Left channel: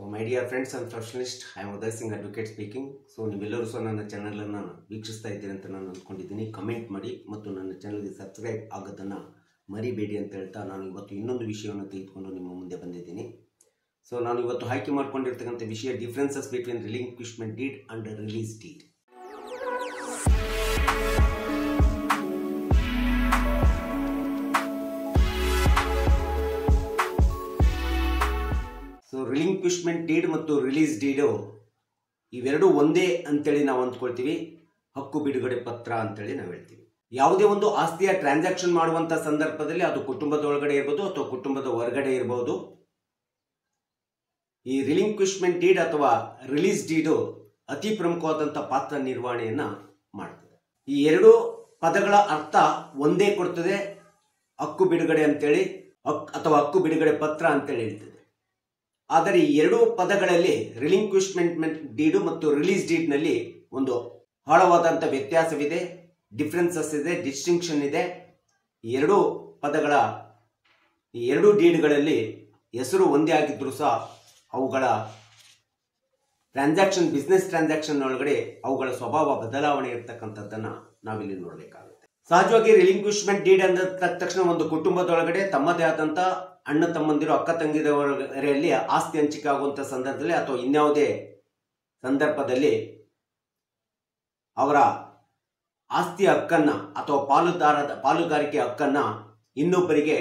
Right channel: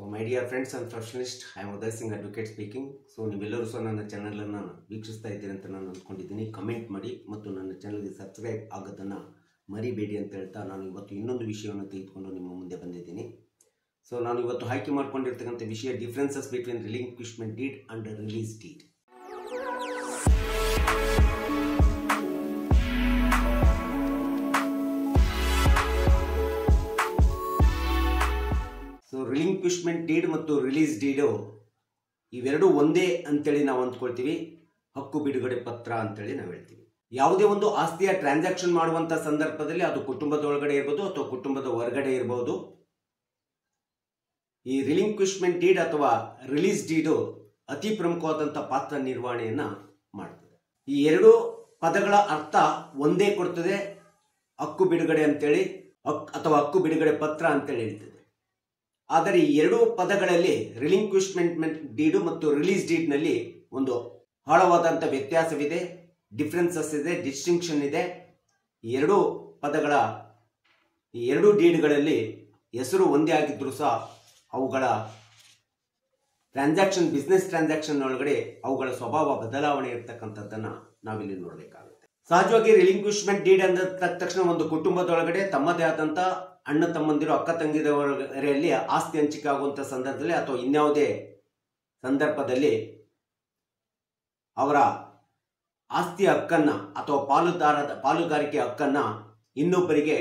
So my dear friends and professionalists, I am Uday Singh Advocate speaking. So ನೀವೆಲ್ಲರೂ ಸಹ ನನ್ನ channel ಅನ್ನು ವೀಕ್ಷಿಸ್ತಾ ಇದ್ದೀರಿ ಅಂತ ನಾನು ಅನ್ಕೊಂಡಿದ್ದೀನಿ. ಕಮೆಂಟ್ ಮಾಡಿ ಮತ್ತು ನನ್ನ ಚಾನಲ್ಗೆ ಸಬ್ಸ್ಕ್ರೈಬ್ ಆಗೋದನ್ನ ಮರಿಬೇಡಿ ಅಂತ ಹೇಳ್ತಾ ನಾನು ಇವತ್ತು ಇನ್ನೊಂದು ವಿಷಯವನ್ನು ತೆಗೆದುಕೊಂಡು ನಿಮ್ಮ ಮುಂದೆ ಬಂದಿದ್ದೀನಿ. ಸೊ ನಾನು ಇವತ್ತು ಆಯ್ಕೆ ಮಾಡಿಕೊಂಡಿರ್ತಕ್ಕಂಥ ವಿಷಯ differences between relinquishment deed and release deed. Relinquishment deed ಮತ್ತು ರಿಲೀಸ್ ಡೀಡ್ ಇವೆರಡು ಒಂದೇ ಅಂತೇಳಿ ನಾವು ಅಂದ್ಕೊಳ್ತೀವಿ. ಹಕ್ಕು ಬಿಡುಗಡೆ ಪತ್ರ ಅಂತೇಳಿ ನಾವು ಹೇಳ್ತೀವಿ. ಯಾವುದೇ ಒಂದು ಆಸ್ತಿಯ ಟ್ರಾನ್ಸಾಕ್ಷನ್ ಮಾಡುವಂತ ಸಂದರ್ಭದಲ್ಲಿ ಅದು ಕುಟುಂಬದ ಒಳಗಡೆ ಇರಬಹುದು ಅಥವಾ ಕುಟುಂಬದ ಹೊರಗಡೆ ಇರಬಹುದು. ಈ ರಿಲಿಂಕ್ವಿಶ್ಮೆಂಟ್ ಡೀಡ್ ಅಥವಾ ರಿಲೀಸ್ ಡೀಡ್ ಅತಿ ಪ್ರಮುಖವಾದಂತಹ ಪಾತ್ರ ನಿರ್ವಹಣೆಯನ್ನ ಮಾಡ್ತದೆ. ಈ ಎರಡು ಪದಗಳ ಅರ್ಥ ಒಂದೇ ಕೊಡ್ತದೆ. ಹಕ್ಕು ಬಿಡುಗಡೆ ಅಂತೇಳಿ ಅಥವಾ ಹಕ್ಕು ಬಿಡುಗಡೆ ಪತ್ರ ಅಂತೇಳಿ ಹೇಳ್ತದೆ. ಆದರೆ ಈ ಎರಡು ಪದಗಳಲ್ಲಿ ರಿಲಿಂಕ್ವಿಶ್ಮೆಂಟ್ ಡೀಡ್ ಮತ್ತು ರಿಲೀಸ್ ಡೀಡ್ ನಲ್ಲಿ ಒಂದು ಆಳವಾದಂತ ವ್ಯತ್ಯಾಸವಿದೆ, ಡಿಫರೆನ್ಸಸ್ ಇದೆ, ಡಿಸ್ಟಿಂಕ್ಷನ್ ಇದೆ. ಈ ಎರಡು ಪದಗಳ ಈ ಎರಡು ಡೀಡ್ಗಳಲ್ಲಿ ಹೆಸರು ಒಂದೇ ಆಗಿದ್ರು ಸಹ ಅವುಗಳ ಟ್ರಾನ್ಸಾಕ್ಷನ್ ಬಿಸ್ನೆಸ್ ಟ್ರಾನ್ಸಾಕ್ಷನ್ ಒಳಗಡೆ ಅವುಗಳ ಸ್ವಭಾವ ಬದಲಾವಣೆ ಇರ್ತಕ್ಕಂಥದ್ದನ್ನ ನಾವಿಲ್ಲಿ ನೋಡಬೇಕಾಗುತ್ತೆ. ಸಹಜವಾಗಿ ರಿಲಿಂಕ್ವಿಶ್ಮೆಂಟ್ ಡೀಡ್ ಅಂದ ತಕ್ಷಣ ಒಂದು ಕುಟುಂಬದೊಳಗಡೆ ತಮ್ಮದೇ ಆದಂತ ಅಣ್ಣ ತಮ್ಮಂದಿರು ಅಕ್ಕ ತಂಗಿದವರಲ್ಲಿ ಆಸ್ತಿ ಹಂಚಿಕೆ ಆಗುವಂತ ಸಂದರ್ಭದಲ್ಲಿ ಅಥವಾ ಇನ್ಯಾವುದೇ ಸಂದರ್ಭದಲ್ಲಿ ಅವರ ಆಸ್ತಿ ಹಕ್ಕನ್ನ ಅಥವಾ ಪಾಲುಗಾರಿಕೆ ಹಕ್ಕನ್ನ ಇನ್ನೊಬ್ಬರಿಗೆ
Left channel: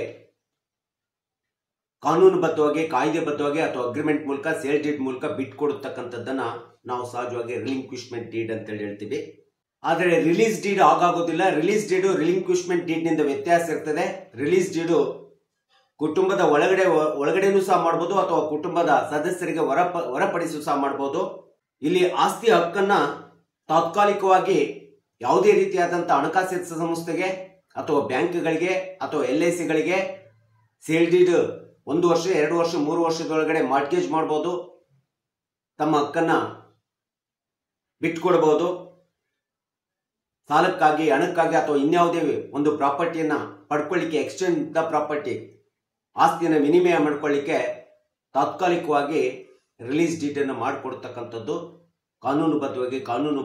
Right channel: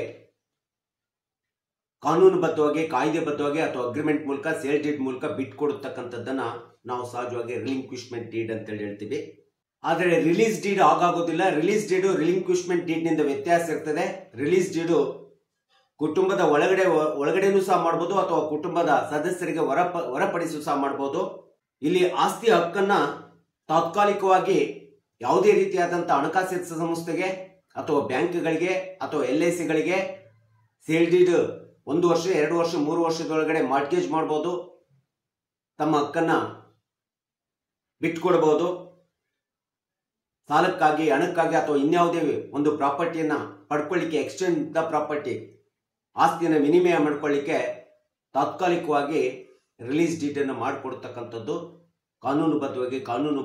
ಕಾನೂನುಬದ್ಧವಾಗಿ ಕಾಯ್ದೆಬದ್ಧವಾಗಿ ಅಥವಾ ಅಗ್ರಿಮೆಂಟ್ ಮೂಲಕ ಸೇಲ್ ಡೀಡ್ ಮೂಲಕ ಬಿಟ್ಕೊಡತಕ್ಕಂಥದ್ದನ್ನ ನಾವು ಸಹಜವಾಗಿ ರಿಲಿಂಕ್ವಿಶ್ಮೆಂಟ್ ಡೀಡ್ ಅಂತ ಹೇಳ್ತೀವಿ. ಆದರೆ ರಿಲೀಸ್ ಡೀಡ್ ಆಗೋದಿಲ್ಲ. ರಿಲೀಸ್ ಡೀಡ್ ರಿಲಿಂಕ್ವಿಶ್ಮೆಂಟ್ ಡೀಡ್ ನಿಂದ ವ್ಯತ್ಯಾಸ ಇರ್ತದೆ. ರಿಲೀಸ್ ಡೀಡ್ ಕುಟುಂಬದ ಒಳಗಡೆನೂ ಸಹ ಮಾಡಬಹುದು ಅಥವಾ ಕುಟುಂಬದ ಸದಸ್ಯರಿಗೆ ಹೊರಪಡಿಸು ಸಹ ಮಾಡಬಹುದು. ಇಲ್ಲಿ ಆಸ್ತಿ ಹಕ್ಕನ್ನ ತಾತ್ಕಾಲಿಕವಾಗಿ ಯಾವುದೇ ರೀತಿಯಾದಂತಹ ಹಣಕಾಸಿನ ಸಂಸ್ಥೆಗೆ ಅಥವಾ ಬ್ಯಾಂಕ್ಗಳಿಗೆ ಅಥವಾ LICಗಳಿಗೆ ಸೇಲ್ ಡೀಡ್ 1 ವರ್ಷ 2 ವರ್ಷ 3 ವರ್ಷದೊಳಗಡೆ ಮಾರ್ಟ್ಗೇಜ್ ಮಾಡಬಹುದು. ತಮ್ಮ ಹಕ್ಕನ್ನ ಬಿಟ್ಕೊಡಬಹುದು. ಸಾಲಕ್ಕಾಗಿ, ಹಣಕ್ಕಾಗಿ ಅಥವಾ ಇನ್ಯಾವುದೇ ಒಂದು ಪ್ರಾಪರ್ಟಿಯನ್ನ ಪಡ್ಕೊಳ್ಳಿಕ್ಕೆ, ಎಕ್ಸ್ಚೇಂಜ್ ದ ಪ್ರಾಪರ್ಟಿ ಆಸ್ತಿಯನ್ನ ವಿನಿಮಯ ಮಾಡ್ಕೊಳ್ಳಿಕ್ಕೆ ತಾತ್ಕಾಲಿಕವಾಗಿ ರಿಲೀಸ್ ಡೀಡ್ ಅನ್ನು ಮಾಡಿಕೊಡ್ತಕ್ಕಂಥದ್ದು ಕಾನೂನುಬದ್ಧವಾಗಿ ಕಾನೂನು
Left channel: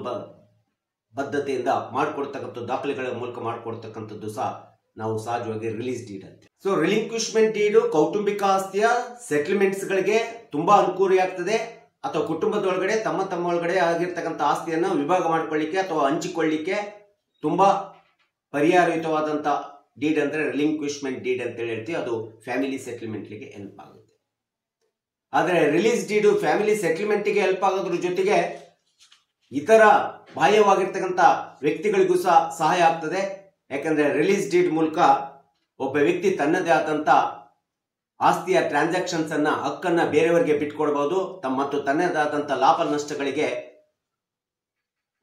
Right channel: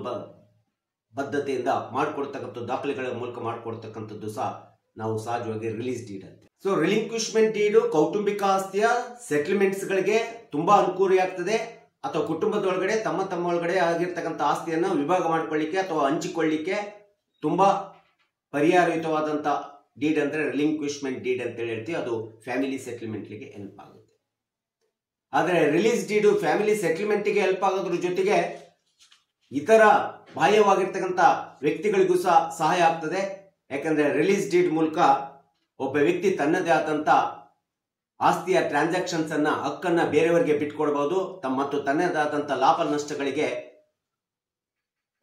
ಬದ್ಧತೆಯಿಂದ ಮಾಡಿಕೊಡ್ತಕ್ಕಂಥ ದಾಖಲೆಗಳ ಮೂಲಕ ಮಾಡಿಕೊಡ್ತಕ್ಕಂಥದ್ದು ಸಹ ನಾವು ಸಹಜವಾಗಿ ರಿಲೀಸ್ ಡೀಡ್ ಅಂತ. ಸೊ ರಿಲಿಂಕ್ವಿಶ್ಮೆಂಟ್ ಡೀಡ್ ಕೌಟುಂಬಿಕ ಆಸ್ತಿಯ ಸೆಟಲ್ಮೆಂಟ್ಸ್ ಗಳಿಗೆ ತುಂಬಾ ಅನುಕೂಲಿಯಾಗ್ತದೆ. ಅಥವಾ ಕುಟುಂಬದೊಳಗಡೆ ತಮ್ಮ ಒಳಗಡೆ ಆಗಿರ್ತಕ್ಕಂಥ ಆಸ್ತಿಯನ್ನು ವಿಭಾಗ ಮಾಡ್ಕೊಳ್ಳಿಕ್ಕೆ ಅಥವಾ ಹಂಚಿಕೊಳ್ಳಿಕ್ಕೆ ತುಂಬಾ ಪರಿಹಾರಯುತವಾದಂತ ಡೀಡ್ ಅಂದ್ರೆ ರಿಲಿಂಕ್ವಿಶ್ಮೆಂಟ್ ಡೀಡ್ ಅಂತ ಹೇಳ್ತೀವಿ. ಅದು ಫ್ಯಾಮಿಲಿ ಸೆಟಲ್ಮೆಂಟ್ ಗೆ ಹೆಲ್ಪ್ ಆಗುತ್ತೆ. ಆದ್ರೆ ರಿಲೀಸ್ ಡೀಡ್ ಫ್ಯಾಮಿಲಿ ಸೆಟಲ್ಮೆಂಟ್ ಗೆ ಹೆಲ್ಪ್ ಆಗೋದ್ರ ಜೊತೆಗೆ ಇತರ ಬಾಹ್ಯವಾಗಿರ್ತಕ್ಕಂಥ ವ್ಯಕ್ತಿಗಳಿಗೂ ಸಹ ಸಹಾಯ ಆಗ್ತದೆ. ಯಾಕಂದ್ರೆ ರಿಲೀಸ್ ಡೀಡ್ ಮೂಲಕ ಒಬ್ಬ ವ್ಯಕ್ತಿ ತನ್ನದೇ ಆದಂತ ಆಸ್ತಿಯ ಟ್ರಾನ್ಸಾಕ್ಷನ್ಸ್ ಅನ್ನ ಹಕ್ಕನ್ನ ಬೇರೆಯವರಿಗೆ ಬಿಟ್ಕೊಡಬಹುದು. ಮತ್ತು ತನ್ನದೇ ಆದಂತ ಲಾಭ ನಷ್ಟಗಳಿಗೆ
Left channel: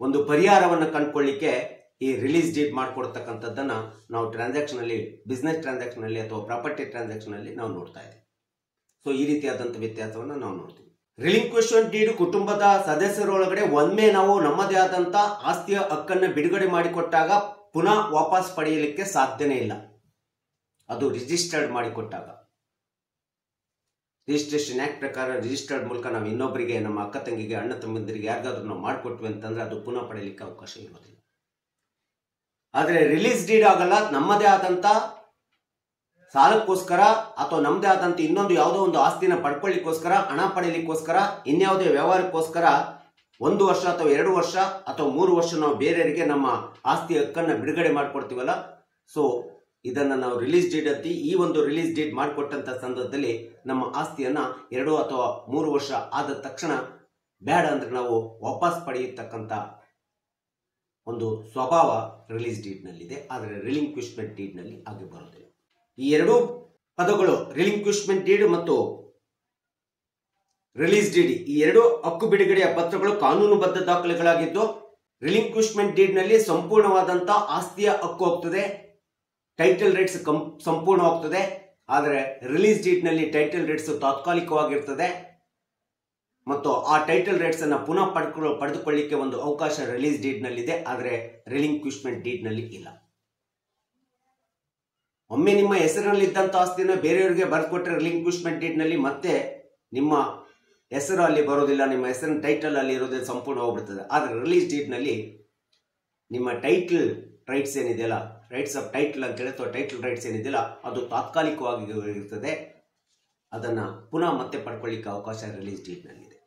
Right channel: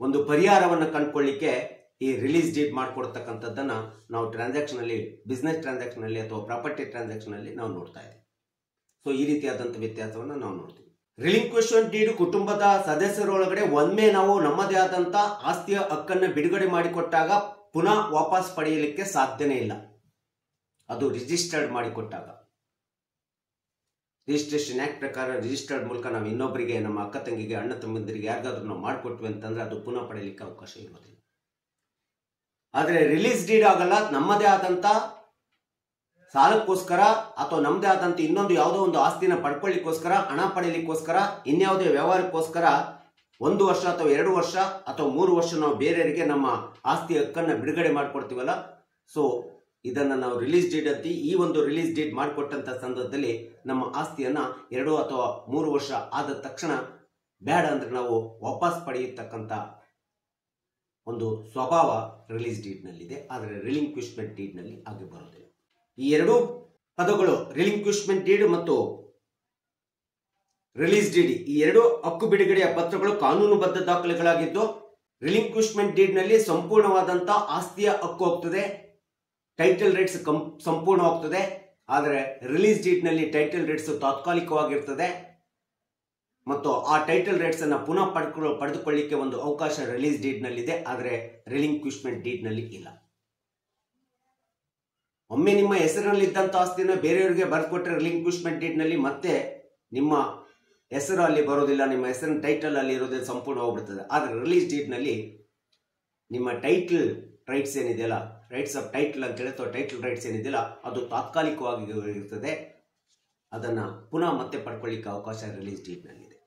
ಒಂದು ಪರಿಹಾರವನ್ನು ಕಂಡುಕೊಳ್ಳಿಕ್ಕೆ ಈ ರಿಲೀಸ್ ಡೀಡ್ ಮಾಡ್ಕೊಡ್ತಕ್ಕಂಥದ್ದನ್ನ ನಾವು ಟ್ರಾನ್ಸಾಕ್ಷನ್ ಅಲ್ಲಿ, ಬಿಸ್ನೆಸ್ ಟ್ರಾನ್ಸಾಕ್ಷನ್ ಅಲ್ಲಿ ಅಥವಾ ಪ್ರಾಪರ್ಟಿ ಟ್ರಾನ್ಸಾಕ್ಷನ್ ಅಲ್ಲಿ ನಾವು ನೋಡ್ತಾ ಇದ್ದೀವಿ. ಸೊ ಈ ರೀತಿಯಾದಂತ ವ್ಯತ್ಯಾಸವನ್ನ ನಾವು ನೋಡ್ತೀವಿ. ರಿಲಿಂಕ್ವಿಶ್ಮೆಂಟ್ ಡೀಡ್ ಕುಟುಂಬದ ಸದಸ್ಯರೊಳಗಡೆ ಒಮ್ಮೆ ನಾವು ನಮ್ಮದೇ ಆದಂತ ಆಸ್ತಿಯ ಹಕ್ಕನ್ನ ಬಿಡುಗಡೆ ಮಾಡಿಕೊಟ್ಟಾಗ ಪುನಃ ವಾಪಸ್ ಪಡೆಯಲಿಕ್ಕೆ ಸಾಧ್ಯನೇ ಇಲ್ಲ. ಅದು ರಿಜಿಸ್ಟರ್ಡ್ ಮಾಡಿಕೊಟ್ಟಾಗ, ರಿಜಿಸ್ಟ್ರೇಷನ್ ಆಕ್ಟ್ ಪ್ರಕಾರ ರಿಜಿಸ್ಟರ್ಡ್ ಮೂಲಕ ನಾವು ಇನ್ನೊಬ್ಬರಿಗೆ, ನಮ್ಮ ಅಕ್ಕ ತಂಗಿಗೆ, ಅಣ್ಣ ತಮ್ಮಂದಿರಿಗೆ ಯಾರಿಗಾದ್ರೂ ನಾವು ಮಾಡಿಕೊಟ್ವಿ ಅಂತಂದ್ರೆ ಅದು ಪುನಃ ಪಡೆಯಲಿಕ್ಕೆ ಅವಕಾಶ ಇರೋದಿಲ್ಲ. ಆದ್ರೆ ರಿಲೀಸ್ ಡೀಡ್ ಆಗಲ್ಲ. ನಮ್ಮದೇ ಆದಂತ ಸಾಲಕ್ಕೋಸ್ಕರ ಅಥವಾ ನಮ್ಮದೇ ಆದಂತ ಇನ್ನೊಂದು ಯಾವುದೋ ಒಂದು ಆಸ್ತಿನ ಪಡ್ಕೊಳ್ಳಿಕ್ಕೋಸ್ಕರ, ಹಣ ಪಡೆಯಲಿಕ್ಕೋಸ್ಕರ, ಇನ್ಯಾವುದೇ ವ್ಯವಹಾರಕ್ಕೋಸ್ಕರ 1 ವರ್ಷ ಅಥವಾ 2 ವರ್ಷ ಅಥವಾ 3 ವರ್ಷ ನಾವು ಬೇರೆಯವರಿಗೆ ನಮ್ಮ ಆಸ್ತಿ ಹಕ್ಕನ್ನ ಬಿಡುಗಡೆ ಮಾಡ್ಕೊಡ್ತೀವಲ್ಲ, ಸೊ ಇದನ್ನ ನಾವು ರಿಲೀಸ್ ಡೀಡ್ ಅಂತ. ಈ ಒಂದು ರಿಲೀಸ್ ಡೀಡ್ ಮಾಡಿಕೊಟ್ಟಂತ ಸಂದರ್ಭದಲ್ಲಿ ನಮ್ಮ ಆಸ್ತಿಯನ್ನ 2 ಅಥವಾ 3 ವರ್ಷ ಆದ ತಕ್ಷಣ ಬೇಡ ಅಂದ್ರೆ ನಾವು ವಾಪಸ್ ಪಡೆಯತಕ್ಕಂತ ಒಂದು ಸ್ವಭಾವ ರಿಲೀಸ್ ಡೀಡ್ ನಲ್ಲಿದೆ. ಆದ್ರೆ ರಿಲಿಂಕ್ವಿಶ್ಮೆಂಟ್ ಡೀಡ್ ನಲ್ಲಿ ಅದು ಬರುತ್ತದೆ. ಈ ಎರಡು ಪದಗಳು ರಿಲಿಂಕ್ವಿಶ್ಮೆಂಟ್ ಡೀಡ್ ಮತ್ತು ರಿಲೀಸ್ ಡೀಡ್, ಈ ಎರಡು ಹಕ್ಕು ಬಿಡುಗಡೆಯ ಪತ್ರಗಳು ಕಾನೂನುಬದ್ಧ ದಾಖಲೆಗಳಾಗಿದ್ದು, ರಿಲಿಂಕ್ವಿಶ್ಮೆಂಟ್ ಡೀಡ್ ನಲ್ಲಿ ಸಂಪೂರ್ಣವಾದಂತ ಆಸ್ತಿಯ ಹಕ್ಕು ಹೋಗ್ತದೆ, ಟೈಟಲ್ ರೈಟ್ಸ್ ಸಂಪೂರ್ಣವಾಗ್ತದೆ. ಆದ್ರೆ ರಿಲೀಸ್ ಡೀಡ್ ನಲ್ಲಿ ಟೈಟಲ್ ರೈಟ್ಸ್ ತಾತ್ಕಾಲಿಕವಾಗಿರ್ತದೆ ಮತ್ತು ಆ ಟೈಟಲ್ ರೈಟ್ಸ್ ಅನ್ನ ಪುನಃ ಪಡೆದುಕೊಳ್ಳಿಕ್ಕೆ ಒಂದು ಅವಕಾಶ ರಿಲೀಸ್ ಡೀಡ್ ನಲ್ಲಿ ಇದೆ. ಆದ್ರೆ ರಿಲಿಂಕ್ವಿಶ್ಮೆಂಟ್ ಡೀಡ್ ನಲ್ಲಿ ಇಲ್ಲ. ಒಮ್ಮೆ ನಿಮ್ಮ ಹೆಸರಿನಲ್ಲಿ ಇದ್ದಂತ ಆಸ್ತಿನ ಬೇರೆಯವರಿಗೆ ಬರ್ಕೊಟ್ರೆ ರಿಲಿಂಕ್ವಿಶ್ಮೆಂಟ್ ಡೀಡ್ ನಲ್ಲಿ ಮತ್ತೆ ನಿಮ್ಮ ಹೆಸರು ಅಲ್ಲಿ ಬರೋದಿಲ್ಲ, ನಿಮ್ಮ ಹೆಸರಿನ ಟೈಟಲ್ ಅಲ್ಲಿ ಇರೋದ್ರಲ್ಲಿ ಸಂಪೂರ್ಣ ಹೋಗ್ಬಿಡ್ತದೆ. ಆದ್ರೆ ರಿಲೀಸ್ ಡೀಡ್ ನಲ್ಲಿ ನಿಮ್ಮ ಟೈಟಲ್ ರೈಟ್ಸ್ ಏನಿದೆಯಲ್ಲ, ರೈಟ್ಸ್ ಆಫ್ ಟೈಟಲ್ ಅಂತ ಹೇಳಿ ಟೈಟಲ್ ರೈಟ್ಸ್ ಏನಿದೆಯಲ್ಲ ಅದು ತಾತ್ಕಾಲಿಕವಾಗಿ ಇರುತ್ತದೆ. ಅದನ್ನ ಪುನಃ ಮತ್ತೆ ಪಡ್ಕೊಳ್ಳಿಕ್ಕೆ ಅವಕಾಶ ರಿಲೀಸ್ ಡೀಡ್ ನಲ್ಲಿ ಇದೆ.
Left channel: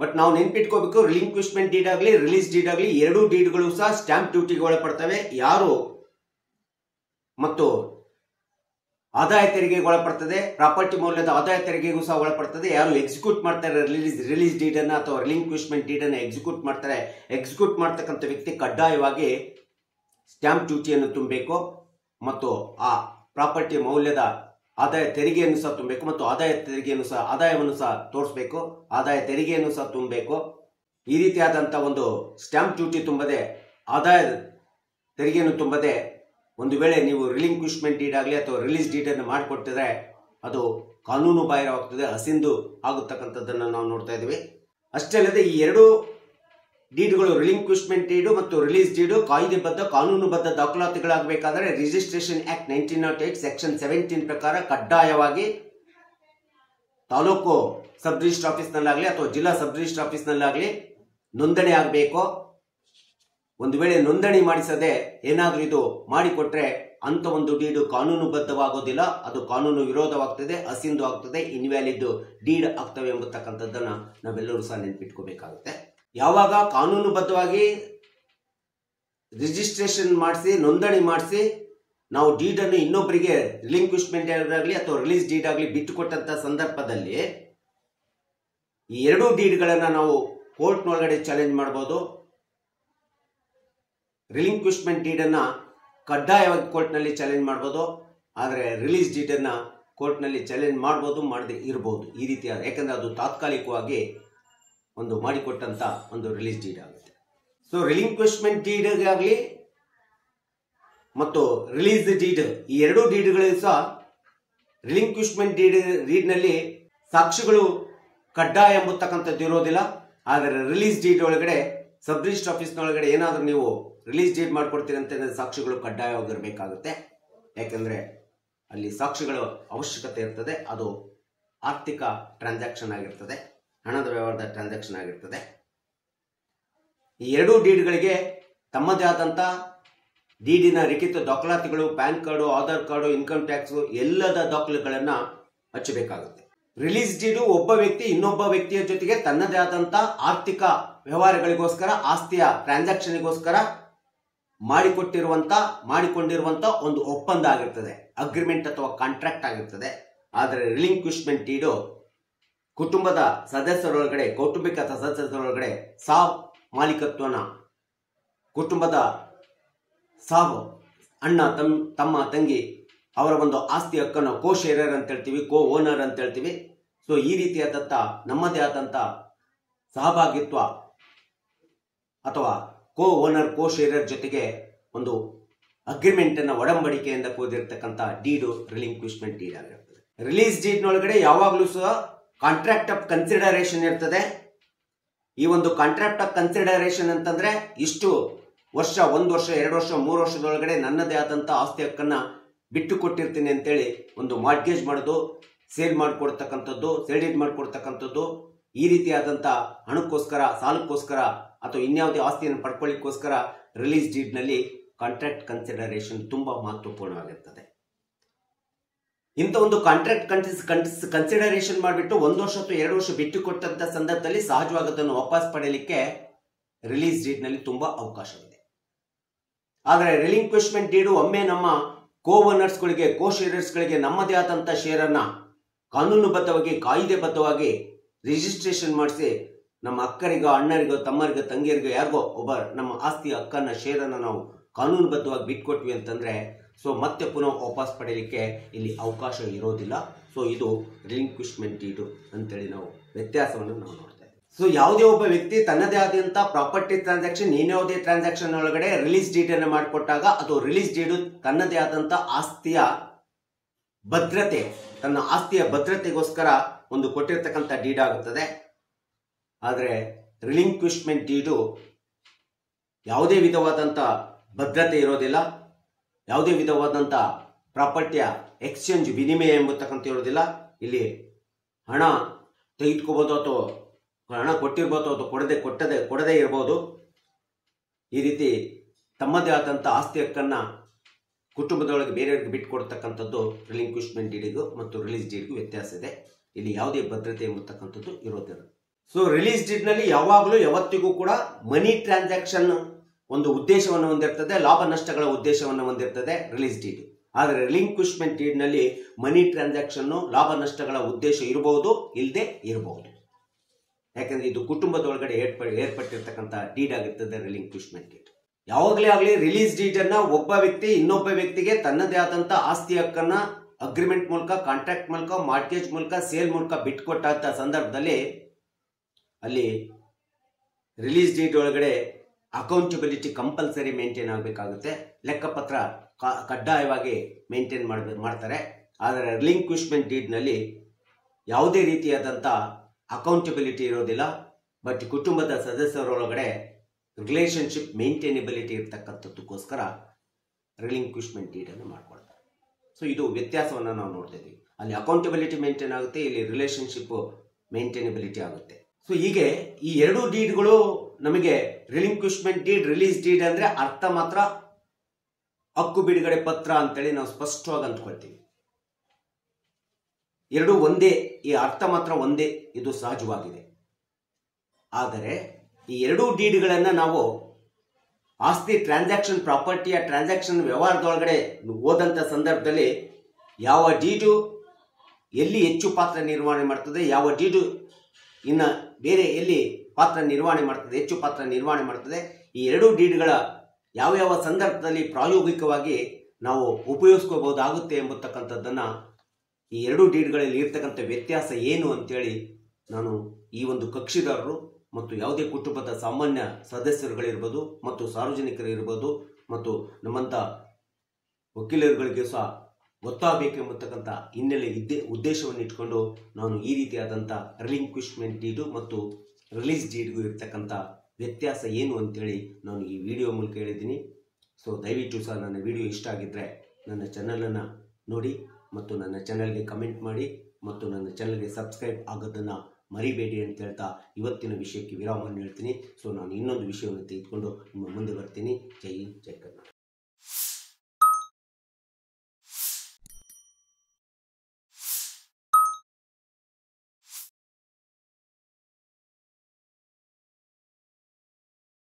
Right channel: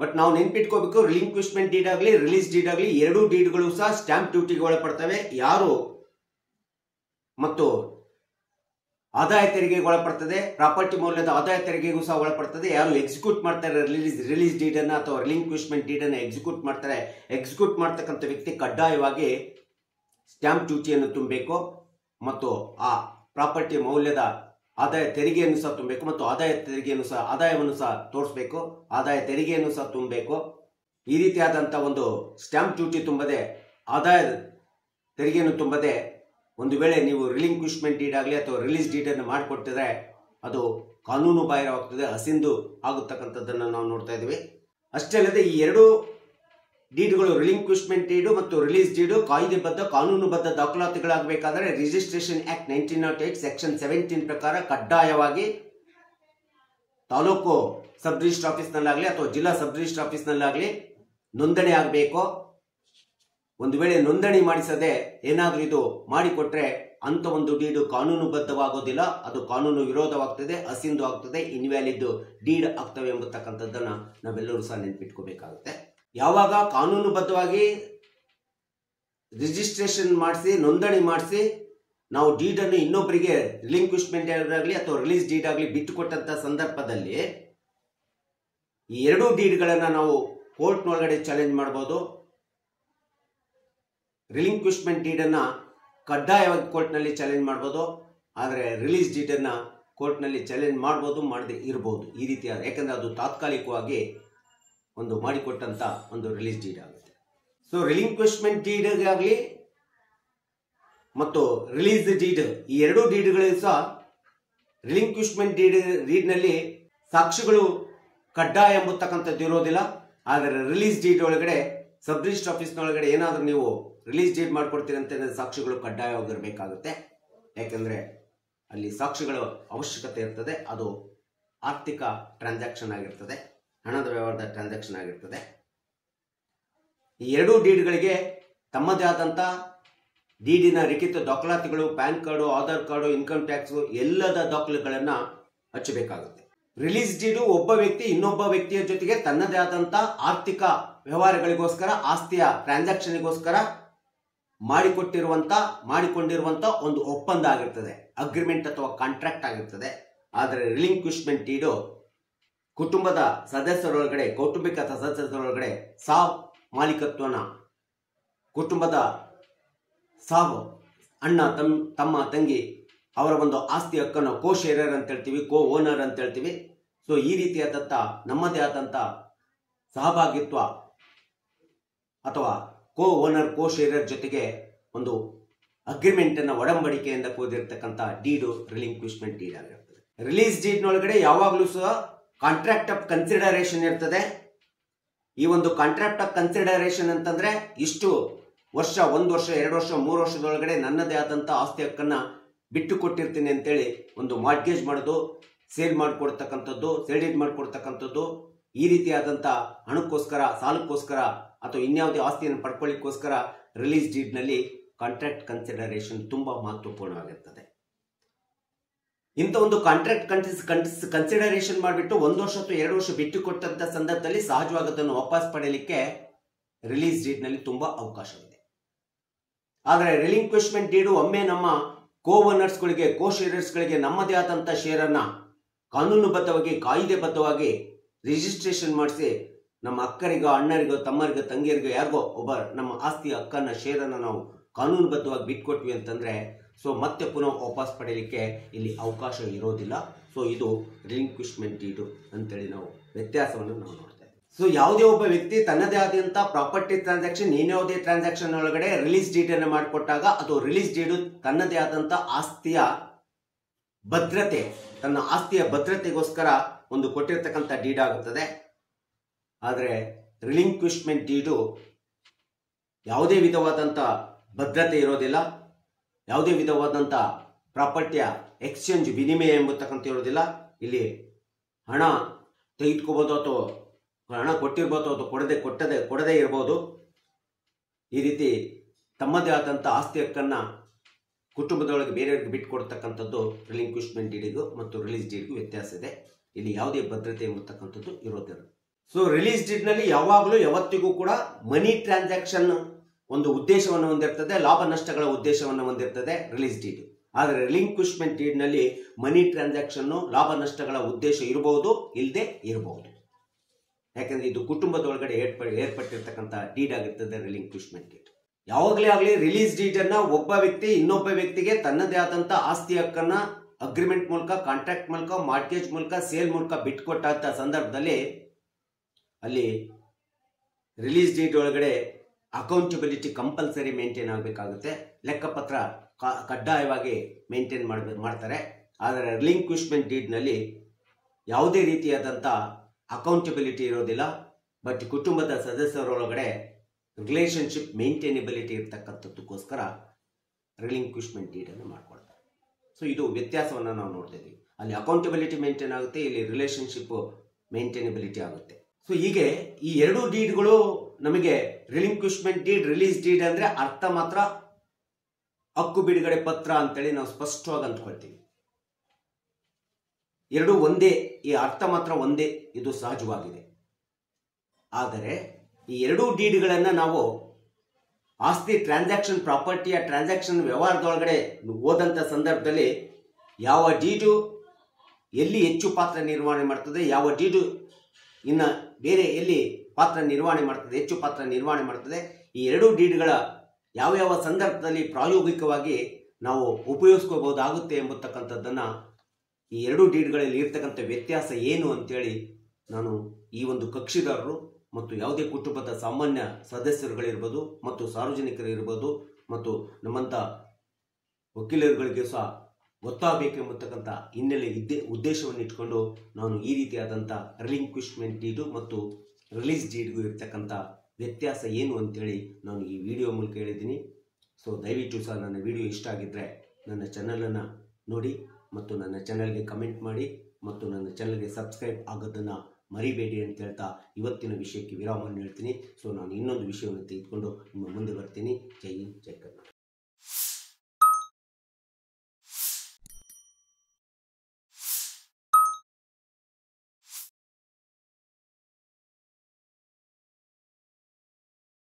ಬಟ್ ನಾವು ನೆನ್ಪಿಟ್ಕೋಬೇಕು, ರಿಲಿಂಕ್ವಿಶ್ಮೆಂಟ್ ಡೀಡ್ ಆಗಲಿ ರಿಲೀಸ್ ಡೀಡ್ ಆಗಲಿ ಎರಡೂ ಡೀಡ್ಗಳು ಸಹ ಸ್ಟ್ಯಾಂಪ್ ಡ್ಯೂಟಿಗೆ ಒಳಪಡ್ತವೆ. ಯಾರು ಮತ್ತು ಆದಾಯ ತೆರಿಗೆಗೆ ಒಳಪಡ್ತದೆ, ಪ್ರಾಪರ್ಟಿ ಮೌಲ್ಯದ ಆದಾಯ ತೆರಿಗೆಗೂ ಸಹ ಒಳಪಡ್ತದೆ. ಯಾರು ಎಕ್ಸಿಕ್ಯೂಟ್ ಮಾಡ್ತಾರೆ ರಿಲೀಸ್ ಡೀಡ್ ಅನ್ನ ಅಥವಾ ರಿಲಿಂಕ್ವಿಶ್ಮೆಂಟ್ ಡೀಡ್ ಅನ್ನ ಎಕ್ಸಿಕ್ಯೂಟ್ ಮಾಡ್ತಾರೆ, ಎಕ್ಸಿಕ್ಯೂಟ್ ಮಾಡ್ತಕ್ಕಂಥ ವ್ಯಕ್ತಿ ಕಡ್ಡಾಯವಾಗಿ ಸ್ಟ್ಯಾಂಪ್ ಡ್ಯೂಟಿಯನ್ನು ತುಂಬಬೇಕು ಮತ್ತು ಆ ಪ್ರಾಪರ್ಟಿ ಮೌಲ್ಯದ ಆದಾಯ ತೆರಿಗೆಯನ್ನು ಸಹ ತುಂಬಬೇಕು ಮತ್ತು ಆದಾಯವನ್ನು ಸಹ ತೋರಿಸಬೇಕು, ಆದಾಯ ತೆರಿಗೆಯನ್ನು ಸಹ ತುಂಬಬೇಕು. ಈ ರೀತಿಯಾದಂತಹ ಒಂದು ಸ್ಟ್ಯಾಂಪ್ ಡ್ಯೂಟಿ ತುಂಬದೆ, ಆದಾಯ ತೆರಿಗೆಯನ್ನು ತುಂಬದೆ ಒಂದು ವೇಳೆ ನೀವು ರಿಲಿಂಕ್ವಿಶ್ಮೆಂಟ್ ಡೀಡ್ ಆಗಲಿ ಅಥವಾ ರಿಲೀಸ್ ಡೀಡ್ ಅನ್ನು ಮಾಡಿಕೊಟ್ಟಿದ್ರೆ ಅದು ಕಾನೂನು ಬಾಹಿರವಾಗ್ತದೆ, ಅಸಿಂಧು ಆಗುತ್ತಕ್ಕಂಥದ್ದನ್ನು ನಾವು ನೋಡ್ತಾ ಇದ್ದೀವಿ. ಅಷ್ಟೇ ಅಲ್ಲದೆ ಈ ಎರಡು ಡೀಡ್ಗಳು ರಿಲಿಂಕ್ವಿಶ್ಮೆಂಟ್ ಡೀಡ್ ಮತ್ತು ರಿಲೀಸ್ ಡೀಡ್ ಕಾಯ್ದೆಬದ್ಧ ಕಾನೂನುಬದ್ಧ ದಾಖಲಾತಿಗಳಾಗಬೇಕಾದರೆ ರಿಜಿಸ್ಟ್ರೇಷನ್ ಆಕ್ಟ್ 1908 ಸೆಕ್ಷನ್ 17 ಪ್ರಕಾರ ಕಡ್ಡಾಯವಾಗಿ ತಾಲೂಕು ಸಬ್ ರಿಜಿಸ್ಟರ್ ಆಫೀಸ್ ನಲ್ಲಾಗಲಿ ಅಥವಾ ಜಿಲ್ಲಾ ಸಬ್ ರಿಜಿಸ್ಟರ್ ಆಫೀಸ್ ನಲ್ಲಾಗಲಿ ನೋಂದಣಿ ಆಗಬೇಕು. ಒಂದು ವೇಳೆ ನೋಂದಣಿ ಮಾಡಿಸದೆ ಏನಾದ್ರೂ ಇದು ಮಾಡಿಕೊಟ್ರೆ ಅಂತ ಒಂದು ಡೀಡ್ ಕಾನೂನುಬದ್ಧವಾಗೋದಿಲ್ಲ, ಅದು ಕಾನೂನು ವಿರೋಧವಾಗ್ತದೆ, ಅಸಿಂಧು ಆಗ್ತದೆ, ಇನ್ವ್ಯಾಲಿಡ್ ಡೀಡ್ ಆಗ್ತವೆ ಎಂಬತಕ್ಕಂಥದ್ದನ್ನ ನಾವೆಲ್ಲರೂ ಸಹ ನೆನ್ಪಿಟ್ಕೋಬೇಕಾಗುತ್ತೆ. ಯಾವಾಗ ಕಾನೂನುಬದ್ಧವಾಗಿ ರಿಜಿಸ್ಟ್ರೇಷನ್ ಮಾಡಿಸಿ ನೋಂದಣಿ ಮಾಡಿಸಿ ನಾವು ಡೀಡ್ ಅನ್ನು ಇನ್ನೊಬ್ಬರಿಗೆ ರಿಲಿಂಕ್ವಿಶ್ಮೆಂಟ್ ಆಗಲಿ ಅಥವಾ ರಿಲೀಸ್ ಡೀಡ್ ಆಗಲಿ ಬಿಟ್ಟು ಕೊಟ್ಟಂತ ಸಂದರ್ಭದಲ್ಲಿ ಈ ಎರಡೂ ಡೀಡ್ಗಳನ್ನ ನಾವು ಕೋರ್ಟ್ ನೊಳಗಡೆ ಚಾಲೆಂಜ್ ಮಾಡಬಹುದು. ರಿಲಿಂಕ್ವಿಶ್ಮೆಂಟ್ ಡೀಡ್ ಅನ್ನ ಕಡ್ಡಾಯವಾಗಿ ಕೋರ್ಟ್ ನಲ್ಲಿ ಚಾಲೆಂಜ್ ಮಾಡಬಹುದು, ಆದ್ರೆ ರಿಲೀಸ್ ಡೀಡ್ ಅನ್ನ ಕೋರ್ಟ್ ನಲ್ಲಿ ಚಾಲೆಂಜ್ ಮಾಡಬಹುದು, ಮಾಡದೆ ಇರಬಹುದು. ಈ ರೀತಿಯಾಗಿ ಯಾಕಂದ್ರೆ ಅದು ತಾತ್ಕಾಲಿಕವಾಗಿ ಒಂದು ಮಾಡಿಕೊಟ್ಟಂತ ಒಂದು ರಿಲೀಸ್ ಡೀಡ್ ಆಗುತ್ತೆ. ಸೊ ರಿಲಿಂಕ್ವಿಶ್ಮೆಂಟ್ ಡೀಡ್ ಆಗಲಿ ಮತ್ತು ರಿಲೀಸ್ ಡೀಡ್ ಈ ಎರಡೂ ಡೀಡ್ಗಳಲ್ಲಿ ಸಹ ರಿಲಿಂಕ್ವಿಶ್ಮೆಂಟ್ ಡೀಡ್ ನಲ್ಲಿ ಸಾಕ್ಷಿಗಳು ಕಡ್ಡಾಯ ಎಂಬತಕ್ಕಂಥದ್ದು ಇರೋದಿಲ್ಲ. ಆದ್ರೆ ರಿಲೀಸ್ ಡೀಡ್ ಒಳಗಡೆ ಸಬ್ ರಿಜಿಸ್ಟರ್ ಆಫೀಸ್ ಒಳಗಡೆ ಏನಾದ್ರೂ ನೀವು ರಿಲೀಸ್ ಡೀಡ್ ಮಾಡ್ಕೊಡ್ತೀವಿ ಅಂತ ಸಾಕ್ಷಿಗಳು ಕಡ್ಡಾಯವಾಗಿರ್ಬೇಕಾಗುತ್ತೆ. ಯಾಕಂದ್ರೆ ಅಲ್ಲಿ ಸಾಕ್ಷಿಗಳ ಅವಶ್ಯಕತೆ ಇರ್ತದೆ, ಅದು ಆರ್ಥಿಕ ಟ್ರಾನ್ಸಾಕ್ಷನ್ ಆಗಿರ್ತದೆ, ಹಣದ ವ್ಯವಹಾರದ ಟ್ರಾನ್ಸಾಕ್ಷನ್ ಆಗಿರ್ತದೆ. ಈ ಎರಡೂ ಡೀಡ್ಗಳಿಗೆ ತಮ್ಮದೇ ಆದಂತ ಡೀಡಿನ ಲಿಖಿತ ದಾಖಲಾತಿಗಳು, bank card, Aadhaar card, income tax ಎಲ್ಲದ ದಾಖಲೆಗಳನ್ನ ಹಚ್ಚಬೇಕಾಗುತ್ತೆ. ರಿಲೀಸ್ ಡೀಡು ಒಬ್ಬ ವ್ಯಕ್ತಿ ಇನ್ನೊಬ್ಬ ವ್ಯಕ್ತಿಯ ಜೊತೆಗೆ ತನ್ನದೇ ಆದಂತ ಆರ್ಥಿಕ ವ್ಯವಹಾರಗಳಿಗೋಸ್ಕರ, ಆಸ್ತಿಯ ಟ್ರಾನ್ಸಾಕ್ಷನ್ಗೋಸ್ಕರ ಮಾಡಿಕೊಂಡಿರುವಂತ ಒಂದು ಒಪ್ಪಂದ ಆಗಿರ್ತದೆ, ಅಗ್ರಿಮೆಂಟ್ ಅಥವಾ ಕಾಂಟ್ರಾಕ್ಟ್ ಆಗಿರ್ತದೆ. ಆದ್ರೆ ರಿಲಿಂಕ್ವಿಶ್ಮೆಂಟ್ ಡೀಡು ಕುಟುಂಬದ ಸದಸ್ಯರೊಳಗಡೆ, ಕೌಟುಂಬಿಕ ಸದಸ್ಯರೊಳಗಡೆ ಮಾಲೀಕತ್ವನ ಕುಟುಂಬದ ಸಾವು ಅಣ್ಣ ತಮ್ಮ ತಂಗಿ ಅವರ ಒಂದು ಆಸ್ತಿ ಹಕ್ಕನ್ನು ಕೋ ಶೇರರ್ ಅಂತ ಹೇಳ್ತೀವಿ, ಕೋ ಓನರ್ ಅಂತ ಹೇಳ್ತೀವಿ. ಸೊ ಈ ರೀತಿಯಾದಂತ ನಮ್ಮದೇ ಆದಂತ ಸಹಭಾಗಿತ್ವ ಅಥವಾ ಕೋ ಓನರ್ ಕೋ ಶೇರರ್ ಜೊತೆಗೆ ಒಂದು ಅಗ್ರಿಮೆಂಟ್ ಅನ್ನ ಒಡಂಬಡಿಕೆಯಿಂದ ಕೂಡಿರ್ತಕ್ಕಂಥ ಡೀಡು ರಿಲಿಂಕ್ವಿಶ್ಮೆಂಟ್ ಡೀಡ್ ಆಗಿರ್ತದೆ. ರಿಲೀಸ್ ಡೀಡ್ ನೊಳಗಡೆ ಯಾವಾಗಲೂ ಸಹ ಕಾಂಟ್ರಾಕ್ಟ್ ಆಫ್ ಕನ್ಸಿಡರೇಷನ್ ಇರ್ತದೆ. ಈ ಒಂದು ಕಾಂಟ್ರಾಕ್ಟ್ ಆಫ್ ಕನ್ಸಿಡರೇಷನ್ ಅಂತಂದ್ರೆ ಇಷ್ಟು ವರ್ಷ, 1 ವರ್ಷ, 2 ವರ್ಷ, 3 ವರ್ಷದೊಳಗಡೆ ನನ್ನದೇ ಆದಂತ ಆಸ್ತಿ ಹಕ್ಕನ್ನ ಬಿಟ್ಟು ಕೊಟ್ಟಿರ್ತೀನಿ ಅಂತೇಳಿ ಒಂದು ಮಾರ್ಗೇಜ್ ಮಾಡೋದು, ಸೇಲ್ ಮಾಡ್ಕೊಡ್ತಕ್ಕಂಥದ್ದು, ಸೇಲ್ಡೀಡ್ ಮಾಡ್ಕೊಡ್ತಕ್ಕಂಥದ್ದು. ಈ ರೀತಿಯಾದಂತ ಹಣಕ್ಕೋಸ್ಕರ, ಸಾಲಕ್ಕೋಸ್ಕರ ಅಥವಾ ಇನ್ಯಾವುದೇ ಆಸ್ತಿಯನ್ನು ಪಡ್ಕೊಳ್ಳಿಕ್ಕೋಸ್ಕರ ರಿಲೀಸ್ ಡೀಡ್ ನಲ್ಲಿ ಕಾಂಟ್ರಾಕ್ಟ್ ಕನ್ಸಿಡರೇಷನ್ ತುಂಬಾ ಮಹತ್ವಪೂರ್ಣವಾಗಿರ್ತದೆ. ಇಂಥ ಒಂದು ಕಾಂಟ್ರಾಕ್ಟ್ ಕನ್ಸಿಡರೇಷನ್ ಮಾಡಿಬಿಟ್ಟು 1 ವರ್ಷ ಅಥವಾ 2 ವರ್ಷ ಬಿಟ್ಟು ಕೊಟ್ಟಂತ ಸಂದರ್ಭದಲ್ಲಿ ಸಹಜವಾಗಿ ಅದನ್ನು ವಾಪಸ್ ಪಡೆಯಲಿಕ್ಕೆ ರಿಲೀಸ್ ಡೀಡ್ ನಲ್ಲಿ ತುಂಬಾ ಅವಕಾಶ ಇದೆ. ಆದ್ರೆ ರಿಲಿಂಕ್ವಿಶ್ಮೆಂಟ್ ಡೀಡ್ ಒಮ್ಮೆ ನಮ್ಮ ಕೋ ಓನರ್ಸ್ ಗಳಿಗೆ, ಕೋ ಶೇರರ್ಸ್ ಗಳಿಗೆ ನಮ್ಮದೇ ಆದಂತ ಶೇರ್ ಅನ್ನ ಕಾನೂನುಬದ್ಧವಾಗಿ, ಕಾಯ್ದೆಬದ್ಧವಾಗಿ ರಿಜಿಸ್ಟ್ರೇಷನ್ ಮಾಡಿಸಿ ನಮ್ಮ ಅಕ್ಕರಿಗೋ, ಅಣ್ಣರಿಗೋ, ತಮ್ಮರಿಗೋ, ತಂಗಿಯರಿಗೋ ಯಾರಿಗೋ ಒಬ್ಬ ನಮ್ಮ ಆಸ್ತಿ ಹಕ್ಕನ್ನ, ಶೇರ್ ಅನ್ನ ನಾವು ಕಾನೂನುಬದ್ಧವಾಗಿ ಬಿಟ್ಕೊಟ್ವಿ ಅಂತಂದ್ರೆ ಸೊ ಮತ್ತೆ ಪುನಃ ವಾಪಸ್ ಪಡೆಯಲಿಕ್ಕೆ ಇಲ್ಲಿ ಅವಕಾಶ ಇರೋದಿಲ್ಲ. ಸೊ ಇದು ರಿಲಿಂಕ್ವಿಶ್ಮೆಂಟ್ ಡೀಡ್ ಅಂತೇಳಿ ನಾವು ವ್ಯತ್ಯಾಸವನ್ನು ನಾವು ನೋಡ್ತೇವೆ. ಸೊ ಯಾವುದೇ ಒಬ್ಬ ವ್ಯಕ್ತಿ ತನ್ನದೇ ಆದಂತ ಪ್ರಾಪರ್ಟಿ ಟ್ರಾನ್ಸಾಕ್ಷನ್, ಏನ್ಯಾವುದೇ ಟ್ರಾನ್ಸಾಕ್ಷನ್ ಒಳಗಡೆ ರಿಲೀಸ್ ಡೀಡ್ ಅನ್ನು ಮಾಡಿಕೊಟ್ಟಾಗ ಅದು ರಿಲೀಸ್ ಡೀಡ್ ತನ್ನದೇ ಆದಂತ ಆಸ್ತಿಯ ಭದ್ರತೆ, ತನ್ನ ಆಸ್ತಿಯ ಭದ್ರತೆಗೋಸ್ಕರ ಒಂದು ಕೊಟ್ಟಿರ್ತಕ್ಕಂಥ ಡೀಡ್ ಆಗುತ್ತದೆ. ಆದ್ರೆ ರಿಲಿಂಕ್ವಿಶ್ಮೆಂಟ್ ಡೀಡು ಯಾವುದೇ ವಿಧವಾದಂತ ಭದ್ರತೆ ಇರೋದಿಲ್ಲ, ಯಾವುದೇ ವಿಧವಾದಂತ ಪ್ರಾಪರ್ಟಿಯ ಎಕ್ಸ್ಚೇಂಜ್, ವಿನಿಮಯ ಎಂಬತಕ್ಕಂಥ ಇರೋದಿಲ್ಲ. ಇಲ್ಲಿ ಹಣ ತೆಗೆದುಕೋಬಹುದು ಅಥವಾ ಹಣ ಕೊಟ್ಟಿರ್ಬೋದು ಅಥವಾ ಕೊಡದೇ ಇರಬಹುದು. ಈ ರೀತಿ ತಮ್ಮದೇ ಆದಂತ ಆಸ್ತಿ ಹಕ್ಕನ್ನ ಕುಟುಂಬದೊಳಗೆ ಬೇರೆಯವರಿಗೆ ಬಿಟ್ಟುಕೊಡ್ತಕ್ಕಂಥದ್ದು ರಿಲಿಂಕ್ವಿಶ್ಮೆಂಟ್ ಡೀಡ್ಗೂ ಮತ್ತು ರಿಲೀಸ್ ಡೀಡ್ಗೂ ವ್ಯತ್ಯಾಸ ಇದೆ. ಇಲ್ಲಿ ಯಾವುದೇ ಭದ್ರತೆ ಎಂಬತಕ್ಕಂಥದ್ದು ಇರುವುದಿಲ್ಲ. ಸೊ ರಿಲೀಸ್ ಡೀಡ್ ನಲ್ಲಿ ಯಾವತ್ತಿಗೂ ಕೂಡ ಮನಿ ಟ್ರಾನ್ಸಾಕ್ಷನ್ ಒಂದು ಉದ್ದೇಶವನ್ನು ಹೊಂದಿರ್ತದೆ, ಲಾಭ ನಷ್ಟಗಳ ಉದ್ದೇಶವನ್ನು ಹೊಂದಿರ್ತದೆ ರಿಲೀಸ್ ಡೀಡ್. ಆದರೆ ರಿಲಿಂಕ್ವಿಶ್ಮೆಂಟ್ ಡೀಡ್ ನಲ್ಲಿ ಮನಿ ಟ್ರಾನ್ಸಾಕ್ಷನ್ ಲಾಭ ನಷ್ಟಗಳ ಉದ್ದೇಶ ಇರಬಹುದು, ಇಲ್ಲದೆ ಇರಬಹುದು. ಯಾಕಂದ್ರೆ ಇದು ಕುಟುಂಬದೊಳಗಡೆ ಏರ್ಪಟ್ಟಿರ್ತಕ್ಕಂಥ ಡೀಡ್ ಆಗಿರ್ತದೆ ರಿಲಿಂಕ್ವಿಶ್ಮೆಂಟ್ ಡೀಡ್. ಯಾವಾಗಲೇ ಆಗಲಿ ರಿಲೀಸ್ ಡೀಡ್ ಅನ್ನ ಒಬ್ಬ ವ್ಯಕ್ತಿ ಇನ್ನೊಬ್ಬ ವ್ಯಕ್ತಿಗೆ ತನ್ನದೇ ಆದಂತ ಆಸ್ತಿ ಹಕ್ಕನ್ನ ಅಗ್ರಿಮೆಂಟ್ ಮೂಲಕ, ಕಾಂಟ್ರಾಕ್ಟ್ ಮೂಲಕ, ಮಾರ್ಗೇಜ್ ಮೂಲಕ, ಸೇಲ್ ಮೂಲಕ ಬಿಟ್ಕೊಟ್ಟಂತ ಸಂದರ್ಭದಲ್ಲಿ ಅಲ್ಲಿ ರಿಲೀಸ್ ಡೀಡ್ ಒಳಗಡೆ ಅಕೌಂಟಬಿಲಿಟಿ ಕಂಪಲ್ಸರಿ ಮೇಂಟೈನ್ ಆಗಬೇಕಾಗುತ್ತೆ. ಲೆಕ್ಕಪತ್ರ ಕಡ್ಡಾಯವಾಗಿ ಮೇಂಟೈನ್ ಮಾಡ್ತಾರೆ. ಆದರೆ ರಿಲಿಂಕ್ವಿಶ್ಮೆಂಟ್ ಡೀಡ್ ನಲ್ಲಿ ಯಾವುದೇ ರೀತಿಯಾದಂತ ಅಕೌಂಟಬಿಲಿಟಿ ಇರೋದಿಲ್ಲ. ಬಟ್ ಕುಟುಂಬದ ಸದಸ್ಯರೊಳಗಡೆ ರಿಲೇಶನ್ಶಿಪ್ ಮೇಂಟೈನಬಿಲಿಟಿ ಇರ್ತಕ್ಕಂಥದ್ದಕ್ಕೋಸ್ಕರ ರಿಲಿಂಕ್ವಿಶ್ಮೆಂಟ್ ಡೀಡ್ ಅನ್ನು ಮಾಡ್ಕೊಳ್ತಾರೆ. ಸೊ ಇದು ವ್ಯತ್ಯಾಸವನ್ನು ನಾವು ನೋಡ್ತಿದ್ವಿ. ಅಲ್ಲಿ ಅಕೌಂಟಬಿಲಿಟಿ ಮೇಂಟೈನ್ ಆಗುತ್ತೆ, ಇಲ್ಲಿ ರಿಲೇಶನ್ಶಿಪ್ ಮೇಂಟೈನಬಿಲಿಟಿ ಆಗುತ್ತೆ. ಸೊ ಹೀಗೆ ಈ ಎರಡು ಡೀಡ್ಗಳು ನಮಗೆ ರಿಲಿಂಕ್ವಿಶ್ಮೆಂಟ್ ಡೀಡ್, ರಿಲೀಸ್ ಡೀಡ್ ಅಂದ್ರೆ ಅರ್ಥ ಮಾತ್ರ ಹಕ್ಕು ಬಿಡುಗಡೆ ಪತ್ರ ಅಂತೇಳಿ ನಾವು ಸ್ಪಷ್ಟವಾಗಿ ಅಂದ್ಕೊಳ್ತೀವಿ. ಎರಡು ಒಂದೇ, ಈ ಅರ್ಥ ಮಾತ್ರ ಒಂದೇ, ಇದು ಸಹಜವಾಗಿದೆ. ಆದರೆ ಈ ಎರಡೂ ಡೀಡ್ಗಳನ್ನ ನಾವು ಆಸ್ತಿ ಟ್ರಾನ್ಸಾಕ್ಷನ್, ಪ್ರಾಪರ್ಟಿಯ ಟ್ರಾನ್ಸಾಕ್ಷನ್ ವ್ಯವಹಾರದೊಳಗಡೆ ಹೋದಂತ ಸಂದರ್ಭದಲ್ಲಿ ಯಾವ ಡೀಡು ಎಲ್ಲಿ ಹೆಚ್ಚು ಪಾತ್ರ ನಿರ್ವಹಣೆ ಮಾಡ್ತದೆ, ಯಾವ ಡೀಡು ಇನ್ನ ಬೇರೆ ಎಲ್ಲಿ ಪಾತ್ರ ನಿರ್ವಹಣೆ ಮಾಡ್ತದೆ, ಹೆಚ್ಚು ಪಾತ್ರ ನಿರ್ವಹಣೆ ಮಾಡ್ತದೆ, ಈ ಎರಡೂ ಡೀಡ್ಗಳ ಯಾವ ಸಂದರ್ಭದಲ್ಲಿ ಪ್ರಾಯೋಗಿಕವಾಗಿ ನಾವು ಉಪಯೋಗಿಸ್ಕೋಬಹುದಾಗುತ್ತೆ ಎಂಬತಕ್ಕಂಥದ್ದನ್ನ, ಈ ಎರಡೂ ಡೀಡ್ಗಳಲ್ಲಿ ಇರ್ತಕ್ಕಂಥ ವ್ಯತ್ಯಾಸ ಏನು ಅಂತೇಳಿ ನಾನು ಈ ಒಂದು ಕಕ್ಷಿದಾರರು ಮತ್ತು ಯಾವುದೇ ಕುಟುಂಬದ ಸಾಮಾನ್ಯ ಸದಸ್ಯರುಗಳಿರ್ಬೋದು ಮತ್ತು ಸಾರ್ವಜನಿಕರಿರ್ಬೋದು ಮತ್ತು ನಮ್ಮಂತ ವಕೀಲರುಗಳಿಗೆ ಸಹ ಗೊತ್ತಾಗಬೇಕೆಂಬತಕ್ಕಂಥ ಹಿನ್ನೆಲೆ ಉದ್ದೇಶವನ್ನು ಇಟ್ಕೊಂಡು ನಾನು ಈ ರೀತಿಯಾದಂಥ ರಿಲಿಂಕ್ವಿಶ್ಮೆಂಟ್ ಡೀಡು ಮತ್ತು ರಿಲೀಸ್ ಡೀಡ್ಗೂ ಇರ್ತಕ್ಕಂಥ ವ್ಯತ್ಯಾಸ ಏನು ಅಂತೇಳಿ ನಾನು ಈ ವಿಡಿಯೋ ಮೂಲಕ ಹೇಳಿದ್ದೀನಿ. ಸೊ ದಯವಿಟ್ಟು ಸಹ ನನ್ನ ವಿಡಿಯೋ ಇಷ್ಟ ಆಗಿದ್ದರೆ ನನ್ನ ಚಾನಲನ್ನು ನೋಡಿ ಮತ್ತು ನನ್ನ ಚಾನಲ್ಗೆ ಕಮೆಂಟ್ ಮಾಡಿ ಮತ್ತು ನನ್ನ ಚಾನಲ್ಗೆ ಸಬ್ಸ್ಕ್ರೈಬ್ ಆಗೋದನ್ನು ಮರಿಬೇಡಿ ಅಂತ ಹೇಳ್ತಾ ಇವತ್ತಿನ ವಿಷಯಕ್ಕೆ ವಿರಾಮವನ್ನು ಹೇಳ್ತೀನಿ. ಸೊ ನಾನು ಇನ್ನೊಂದು ವಿಷಯವನ್ನು ತೆಗೆದುಕೊಂಡು ನಿಮ್ಮ ಮುಂದೆ ಬರ್ತೀನಿ. ಜೈ ಹಿಂದ್, ಜೈ ಕರ್ನಾಟಕ.